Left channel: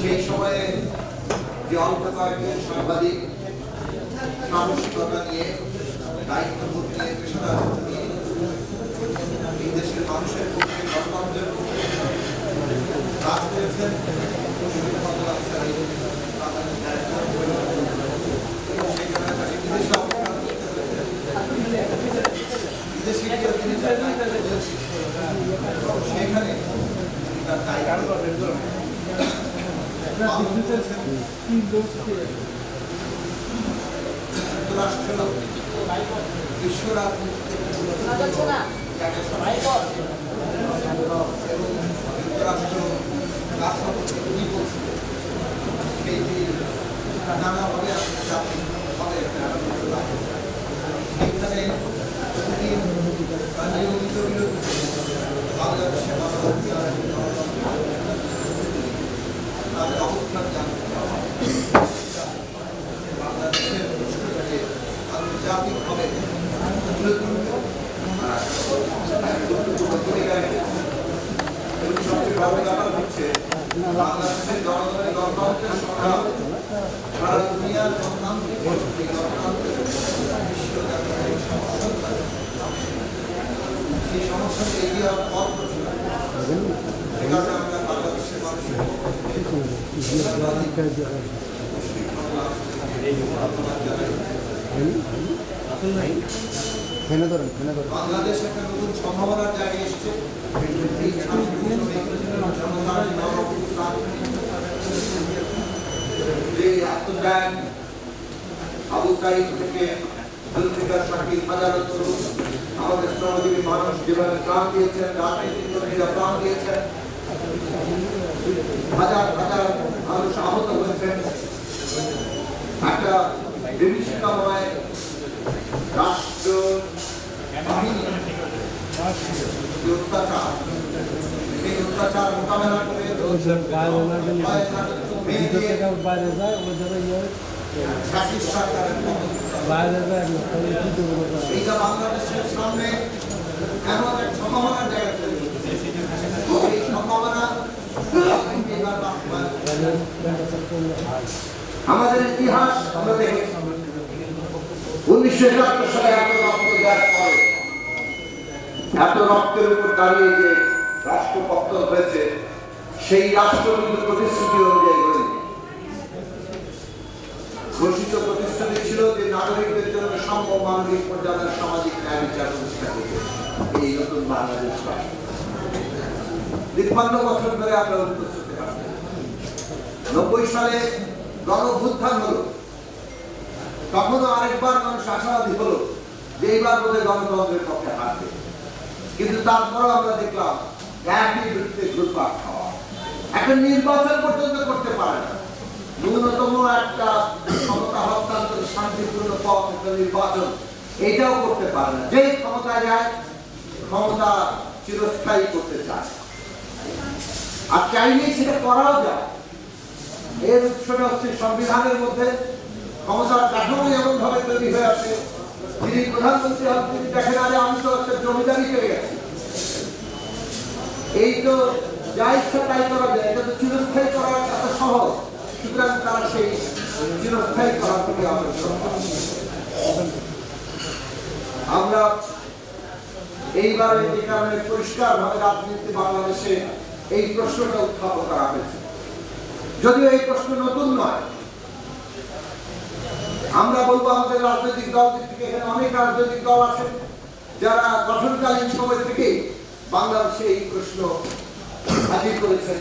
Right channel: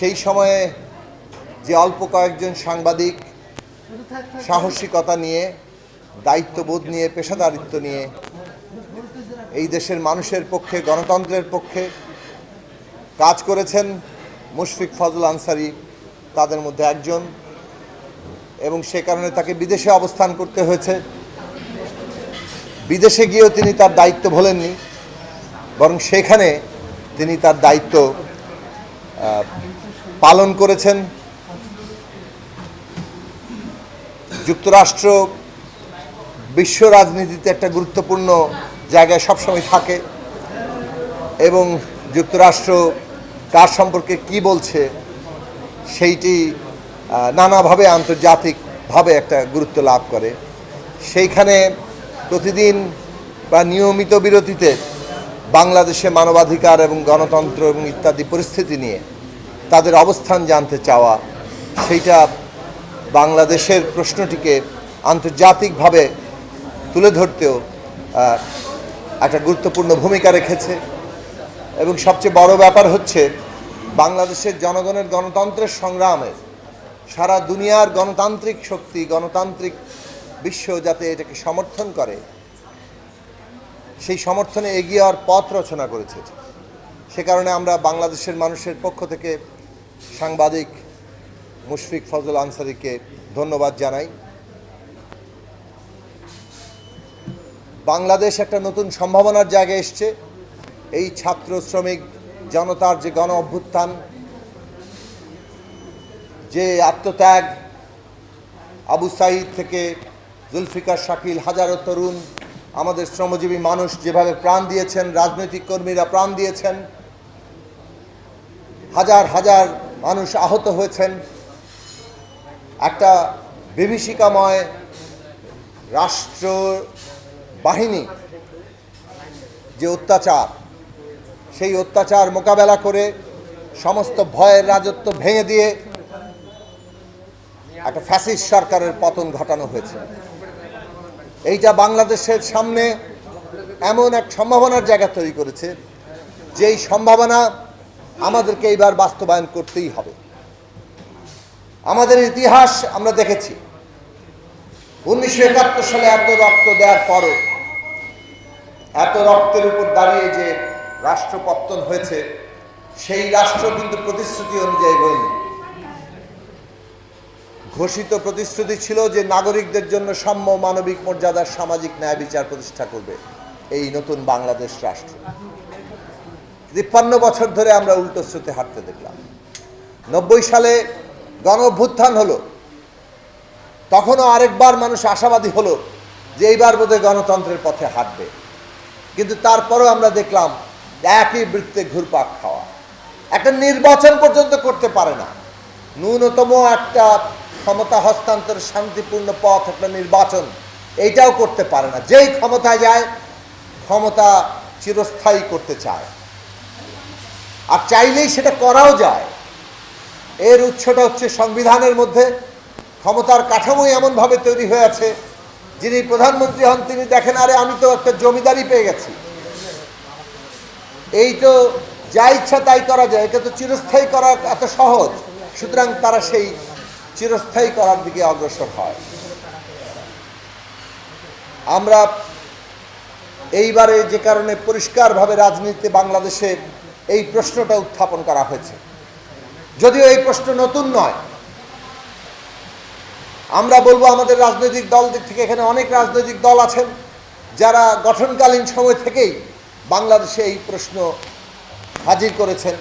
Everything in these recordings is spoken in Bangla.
সেই সময়ে যে অল্প কয়েকজন সাংবাদিক সাহসিকতা নিয়ে, দায়িত্ববোধ নিয়ে, পেশাদারিত্ব নিয়ে এই দেশের মানুষের পক্ষে, গণতন্ত্রের পক্ষে কাজ করেছেন, মুশফিক ফজল আনসারী তাদের মধ্যে একজন, এবং সে কারণে তাকে বিদেশে অবস্থান করতে হয়েছে। বিদেশে গিয়েও তিনি তার দায়িত্ব ভোলেননি, বরং সেখানে তিনি তার দায়িত্ব পালন করেছেন। যুক্তরাষ্ট্র বিশ্ব রাজনীতিতে একটা গুরুত্বপূর্ণ জায়গায় সবসময় থাকে, এবং যুক্তরাষ্ট্র কার সম্পর্কে কি বলছে সেইটি নানাভাবে আন্তর্জাতিকভাবে একটা গুরুত্ব লাভ করে। সেইখানে প্রতিদিন বা নিয়মিত বিরতিতে বাংলাদেশে মানবাধিকার এবং গণতন্ত্র এবং ইত্যাদি পরিস্থিতি নিয়ে তাদের অবস্থান জানতে চাওয়া, সেইটা বাংলাদেশের প্রশ্নটিকে আন্তর্জাতিকভাবে তুলে ধরতেও একটা গুরুত্বপূর্ণ ভূমিকা রেখেছে। এবং সবচেয়ে বড় ব্যাপার হচ্ছে বাংলাদেশের জনগণের গণতন্ত্রের সংগ্রামে সারা দুনিয়ার গণতান্ত্রিক শক্তি, গণতান্ত্রিক বিশ্ব যাতে এটাকে সমর্থন করে, সেই সমর্থনে এগিয়ে যাওয়ার পথ রচনা করেছে। সে কারণে আমরা বাংলাদেশের মানুষের পক্ষ থেকে সাংবাদিক মুশফিক ফজল আনসারীকে ধন্যবাদ জানাই। বাংলাদেশ একটা নতুন সম্ভাবনার জায়গায় এসছে। এই ছাত্র শ্রমিক জনতার যে গণ অভ্যুত্থান, যে আত্মত্যাগ, আবু সাঈদ থেকে জুলফিকার শাকিল, হাজারো তরুণ, আমাদের শ্রমজীবী মানুষ যেভাবে প্রাণ দিয়েছেন, রাজনৈতিক কর্মীরা প্রাণ দিয়েছেন, হাজার হাজার মানুষ আহত হয়েছেন, একটা বিভীষিকাময় রাষ্ট্র বাহিনী যে অত্যাচার, সেই অত্যাচার মোকাবেলা করে সমস্ত ভয়ের রাজত্ব ভেঙে দিয়ে একটা ফ্যাসিস্ট সরকারের পতন ঘটানো হয়েছে। এইটা বাংলাদেশের সামনে এমন এক সম্ভাবনার জায়গা তৈরি করেছে, যেই সম্ভাবনা আমাদেরকে এইবার বাস্তবায়ন করতেই হবে। আমাদের ইতিহাস আমরা দেখেছি, 1971 সালে এত রক্ত দেওয়ার পরে, এত রক্তের উপর দাঁড়িয়ে যে রাষ্ট্র পতন হয়েছে, সেই রাষ্ট্র কিন্তু প্রতিশ্রুতি অনুযায়ী হয়নি। ঘোষিত প্রতিশ্রুতি ছিল যে নাগরিকদের জন্য সাম্য, মানবিক মর্যাদার সামাজিক ন্যায় বিচার প্রতিষ্ঠা করবে এই নতুন বাংলাদেশ রাষ্ট্র। 53 বছর ধরে আমরা উল্টো স্রোতে হাঁটতে দেখলাম। 90 সালে গণ অভ্যুত্থান হলো, তখনও আরেকবার মানুষ আশাবাদী হলো যে এইবার বোধহয় গণতন্ত্রের পথে হাঁটবে, কিন্তু তারপরও আমরা দেখলাম একই বৃত্তে ঘুরপাক খাওয়া। একটা নির্বাচন পর্যন্ত করতে পারে না, ন্যূনতম একটা ক্ষমতা হস্তান্তর শান্তিপূর্ণ পথ, একটা নির্বাচন, এইটাও করতে পারে না। যেই ক্ষমতায় যায়, ক্ষমতা চিরস্থায়ী করতে চায়, আর চাইলেই সেটা করাও যায়। এর উৎসটা হচ্ছে সংবিধানের মধ্যে। ক্ষমতার কাঠামোই এমনভাবে তৈরি হয়ে আছে, যিনি প্রধানমন্ত্রী হন তিনি দেখেন, আরে আমি তো একটা জমিদারি পেয়ে গেছি, এই তো যা ইচ্ছা তাই করা যায়, এটা তো চিরস্থায়ী করা এত সহজ। সুতরাং তারা সেই চিরস্থায়ী করার দিকে অগ্রসর হয়। আমরা এইবারে যে কারণে পরিষ্কারভাবে রাজনীতিতে বাংলাদেশে এই প্রশ্নটা উত্থাপন করা হয়েছে, যদিও এই প্রশ্ন নতুন নয়। আমরা বলবো আমাদের রাজনৈতিক দল দিক থেকে, এখানে অনেক রাজনৈতিক দল আছেন যারা গঠনকালীন সময় থেকেই বাংলাদেশে এই প্রশ্ন হাজির করেছেন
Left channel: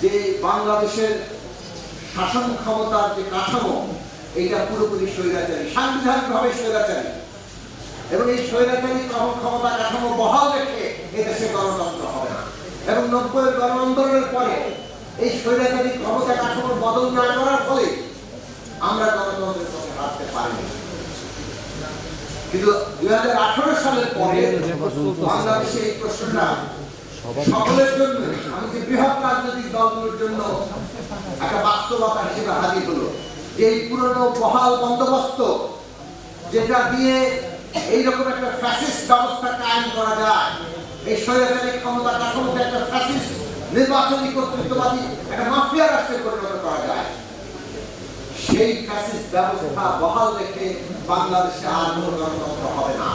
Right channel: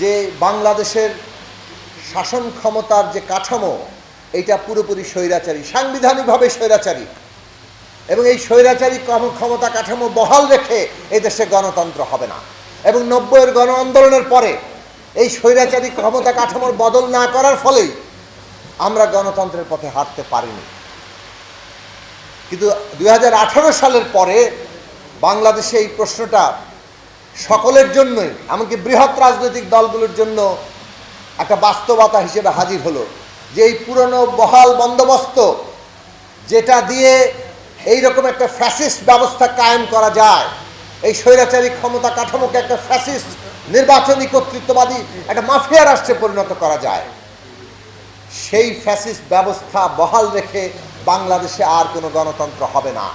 যে বাংলাদেশের শাসন ক্ষমতার যে কাঠামো, এইটা পুরোপুরি স্বৈরাচারী, সাংবিধানিকভাবে স্বৈরাচারী, এবং এই স্বৈরাচারী ক্ষমতা কাঠামো বহাল রেখে এই দেশে গণতন্ত্র হবে না। এবং 90-এর গণ আন্দোলনের পরে এই স্বৈরাচারী ক্ষমতা কাঠামোর বদল না করার ফলে আমরা গণতন্ত্রের পথে হাঁটতে পারিনি। কিন্তু 2018 সালের পরে বাংলাদেশে এই প্রশ্নটা সকলের জন্যই, এমনকি বৃহৎ রাজনৈতিক দলগুলোর জন্য একটা বাস্তবতা হিসেবে হাজির হলো যে এই পুরনো বহাল বন্দোবস্ত, যেটা দিয়ে এইরকম একটা ফ্যাসিস্ট ব্যবস্থা কায়েম করা যায়, এই স্বৈরাচারী ক্ষমতা কাঠামোকে একটা ফ্যাসিস্ট নির্বাচনী কর্তৃত্ববাদী একটা মাফিয়া রাষ্ট্রে পরিণত করা যায়, সেই ফ্যাসিস্ট ব্যবস্থা বহাল রেখে বাংলাদেশে আর কোনো গণতন্ত্র হবে না।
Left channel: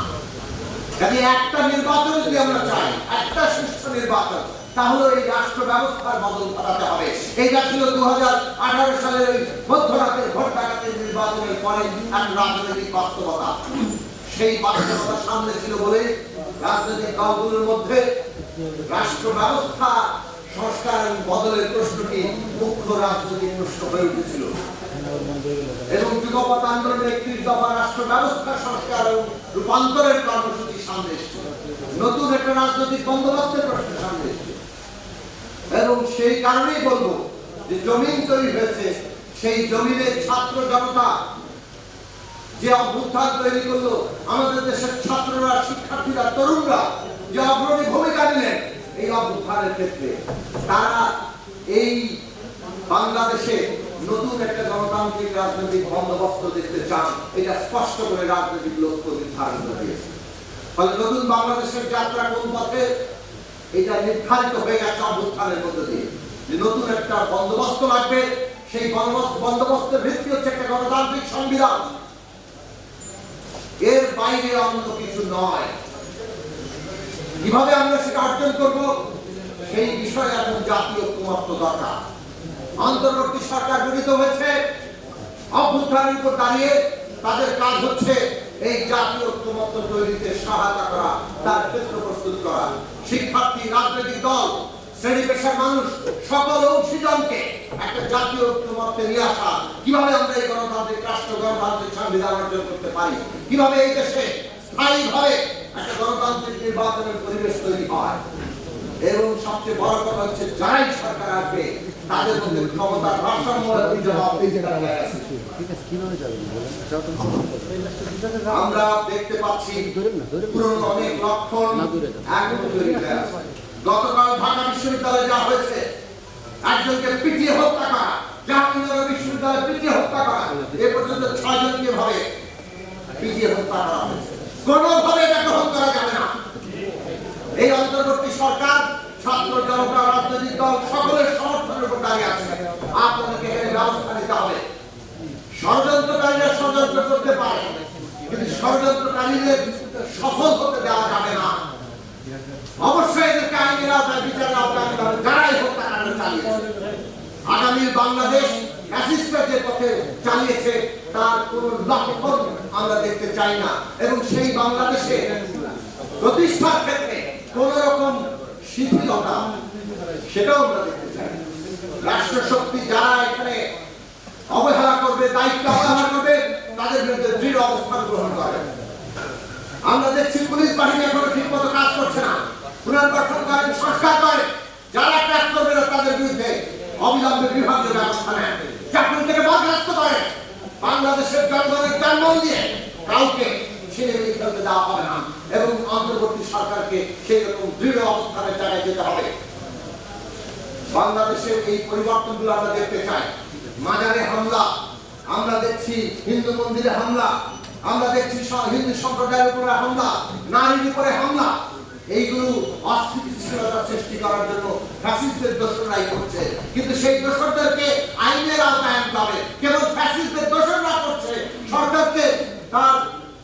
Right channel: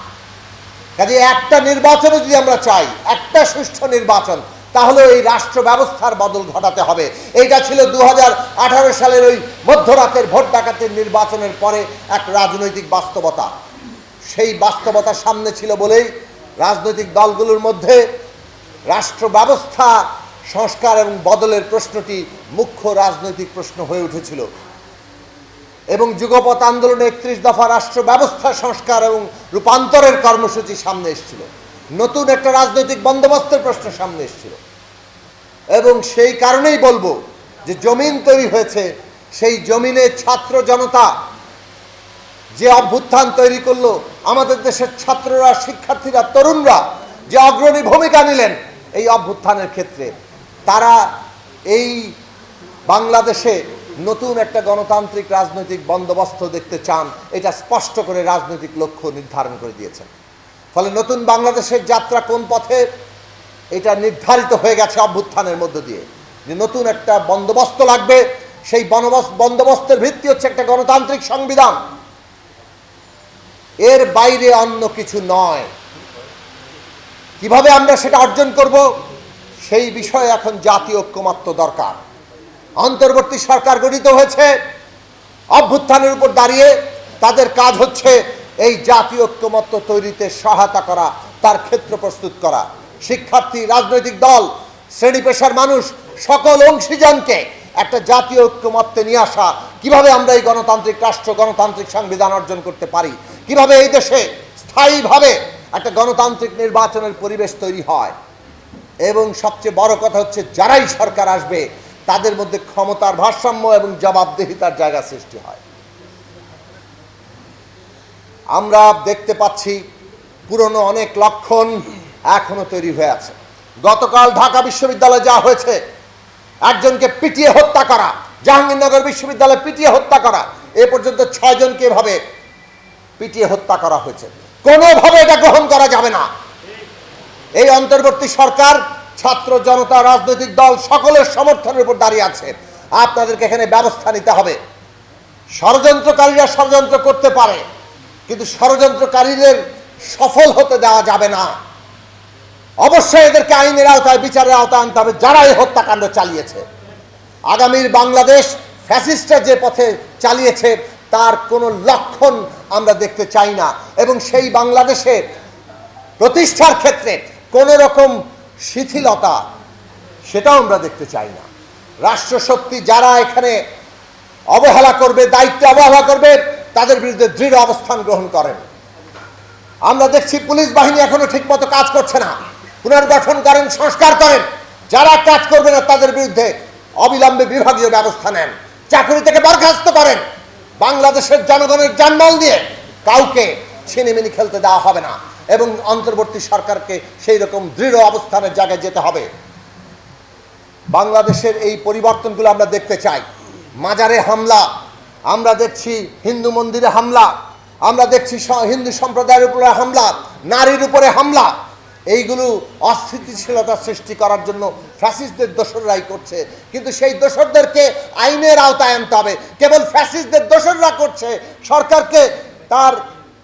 কাজে একটা নির্বাচনে যদি আমরা চাই, একটা সুষ্ঠু নির্বাচন, তাহলে এই রাষ্ট্র ব্যবস্থার বদল ঘটাতে হবে। এইটা ছিল 2018 সালের ওই মধ্যরাতের ভোট ডাকাতির নির্বাচনের পরে এক রাজনৈতিক বাস্তবতা। সেই বাস্তবতা সামনে ছিল বলেই রাজনৈতিক দলগুলোর মধ্যে রাষ্ট্র ব্যবস্থা সংস্কার এবং বদলের প্রশ্নটি মুখ্য রাজনৈতিক প্রশ্ন হয়ে উঠেছিল এবং যুগপৎ আন্দোলনে 31 দফা রাষ্ট্র ব্যবস্থা সংস্কার এবং রূপান্তরের কর্মসূচি সামনে এসেছিল। নতুন একটা রাজনৈতিক বন্দোবস্তের প্রশ্ন সামনে এসেছিল এবং সেই কারণেই বলবো যে জমিন তৈরি হয়েছে, সেই জমিনে ছাত্র জনতা যে অভ্যুত্থান তৈরি করলো, আমাদের দেশের ছাত্ররা, শিক্ষার্থীরা, তরুণরা যে অগ্রণী ভূমিকা নিলেন এই অভ্যুত্থানের ক্ষেত্রে, তারা এই বাংলাদেশে নতুন একটা গণতান্ত্রিক রাজনৈতিক বন্দোবস্ত দেখতে চান। এটা স্পষ্ট করে রাজনৈতিক লক্ষ্য নির্ধারণ করে দিয়েছেন। ফলে নতুন বাংলাদেশের যাত্রা কোন পথে, এটা নির্ধারিত হয়ে গেছে অভ্যুত্থানের মধ্য দিয়ে, যে নতুন একটা বন্দোবস্ত লাগবে। সেই বন্দোবস্তের ভিত্তি হচ্ছে একটা গণতান্ত্রিক সংবিধান, এর বাইরে অন্য কিছু নয়। কিভাবে আমরা সেটা অর্জন করব, সেই বিষয়ে এখন জাতীয় ঐক্যমত্য দরকার। অন্তর্বর্তী সরকার গঠিত হয়েছে অভ্যুত্থানের উপর দাঁড়িয়ে, তাদের কাজ হচ্ছে এই জাতীয় ঐক্যমত্য তৈরিতে সহায়তা করা, তার ক্ষেত্র প্রস্তুত করা। শিক্ষার্থী, রাজনৈতিক দল, শ্রেণী পেশার মানুষ, সকল অংশীজনকে একটা জাতীয় ঐক্যমত্যে নিয়ে আসা। কিভাবে আমরা এই গণতান্ত্রিক রাষ্ট্র, গণতান্ত্রিক সংবিধান অর্জন করতে পারি, কিভাবে এই দেশে স্থায়ীভাবে একটা গণতান্ত্রিক নির্বাচনের পরিবেশ তৈরি হয়, এবং সবচেয়ে বড় কথা হচ্ছে যারাই সরকার আসবে তাদের মধ্যে ক্ষমতার ভারসাম্য এবং জবাবদিহিতার জায়গা সৃষ্টি হয়। আমরা দেখতে পাচ্ছি পুরনো অনেক লক্ষণ এখনো তৈরি হয়ে আছে। গতকাল ঢাকা বিশ্ববিদ্যালয়ে যা হয়েছে, একজনকে পিটিয়ে হত্যা করা, জাহাঙ্গীরনগর বিশ্ববিদ্যালয়ে পিটিয়ে হত্যা করা, এ পর্যন্ত 6 জনকে এভাবে পিটিয়ে হত্যা করা হয়েছে। কোনোভাবে এটা গ্রহণ করা যাবে না। এই অন্তর্বর্তী সরকার ছাত্র জনতা, রাজনৈতিক দল সকলের সমর্থনের উপর দাঁড়িয়ে আছে। আপনাদেরকে এখানে ব্যবস্থা নিতে হবে। ষড়যন্ত্রকারীরা ষড়যন্ত্র করতে পারে, কিন্তু ষড়যন্ত্রকারীদের সফল হতে দেওয়া যাবে না। অবশ্যই এদেরকে আইনের আওতায়, বিচারের আওতায় আনতে হবে যারা এই হত্যাকাণ্ড চালিয়েছে। আগামীর বাংলাদেশ ফ্যাসিস্টরা যে পথে চালিয়েছে তার কোনো লক্ষণ আমরা দেখতে চাই না, এবং সেই বাংলাদেশে প্রতিষ্ঠার ক্ষেত্রে কোন রকম শিথিলতা সেটাও আমরা দেখতে চাই না। রাষ্ট্রশক্তি যারা এখানে অবহেলা করবে, দায়িত্ব অবহেলা করবে, তাদের বিরুদ্ধে দৃঢ় অবস্থান গ্রহণ করেন। আমরা দেখছি পুলিশ বাহিনী এখনো ঠিক মতো কাজ করছে না। পুনর্গঠন করেন, সংস্কার করেন। যারা কাজ করবে না তাদের বিরুদ্ধে অবিলম্বে বিভাগীয় ব্যবস্থা নেন, চাকরি থেকে বরখাস্ত করেন। বাংলাদেশের জনগণের জানমাল নিয়ে কাউকে ছিনিমিনি খেলতে দেওয়া হবে না, এবং অন্তর্বর্তী সরকারকে সেই রকম দৃঢ় অবস্থানের জায়গায় যেতে হবে। বাংলাদেশের এই পরিবর্তনগুলো আমরা দেখতে চাই। মাজারে হামলা আমরা দেখছি, হিন্দু মন্দিরে হামলা আমরা দেখছি, হিন্দু সম্প্রদায়ের উপরে হামলা, নারীর উপরে হামলা। এইগুলো অস্থিতিশীলতা সৃষ্টি করার জন্য ফ্যাসিস্টদের দোসররাই করছে, কিন্তু সেই দোসরদেরকে আইনের আওতায় আনতে হবে। কেবল ফ্যাসিস্টদের দোসররা করছে, সরকারকে তার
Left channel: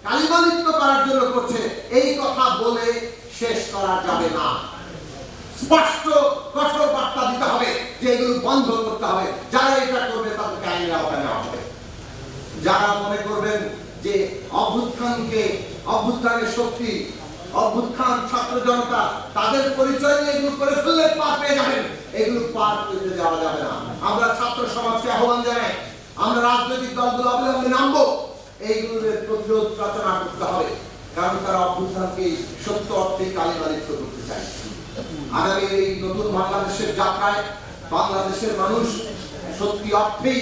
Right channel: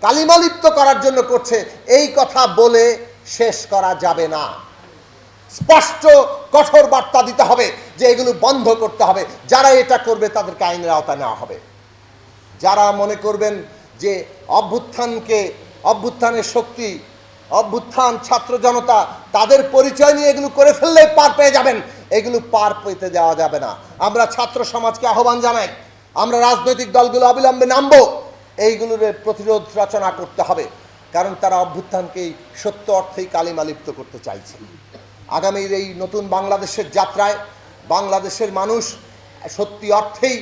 কালিমালিপ্ত করার জন্য করছে, এই কথা বলে শেষ করা যাবে না। স্পষ্ট কঠোর বার্তা দিতে হবে যে এগুলো বন্ধ করতে হবে। যারা এটা করবে তাদেরকে আইনের আওতায় নেওয়া হবে। যারা মনে করবেন যে অভ্যুত্থানের শক্তি, অভ্যুত্থান, ছাত্র জনতা তাদের পরিচয় নিয়ে এগুলো করে ফেললে পার পেয়ে যাবেন, এগুলো পার পেতে দেওয়া যাবে না। আমরা ছাত্র সমাজকে আহ্বান জানাই, আমরা রাজনৈতিক দলগুলো অবিলম্বে নামবো, এইগুলোর প্রতিরোধ রচনা করতে হবে, কারণ তারা অভ্যুত্থানকেই সত্য অর্থেই কালিমালিপ্ত করতে চাইছে। আগামীর এই নতুন বাংলাদেশের যাত্রায় বাংলাদেশের মানুষ সত্যি অর্থেই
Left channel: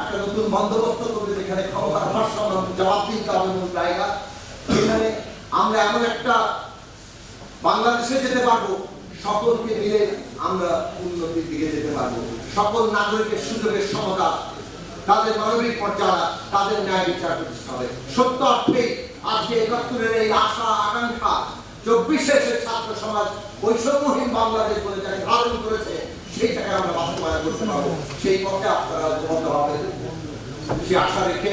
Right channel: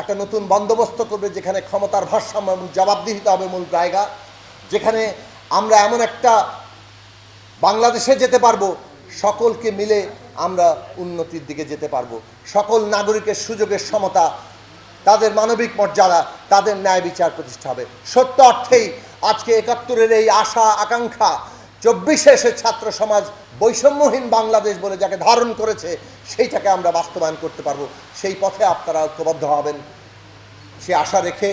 একটা নতুন বন্দোবস্ত করবে, যেখানে ক্ষমতার ভারসাম্য, জবাবদিহিতা হবে মূল জায়গা, যেখানে আমরা এমন একটা বাংলাদেশে যেতে পারবো, সকলকে মিলে আমরা উন্নতির দিকে যেতে পারবো। সকল নাগরিকের সুযোগের সমতা, তাদের মানবিক মর্যাদা, তাদের ন্যায় বিচার প্রতিষ্ঠা হবে। সত্য অর্থেই আজকে ৭১-এর এই আশা আকাঙ্ক্ষা ২৪-এ এসে ছাত্র সমাজ বৈষম্যহীন বাংলাদেশ বলে যাকে ধারণ করেছে সেইটাকে আমরা বাস্তবায়ন করতে পারবো। সেই পথে আপনারা ঐক্যবদ্ধ হবেন, সে আশা রেখে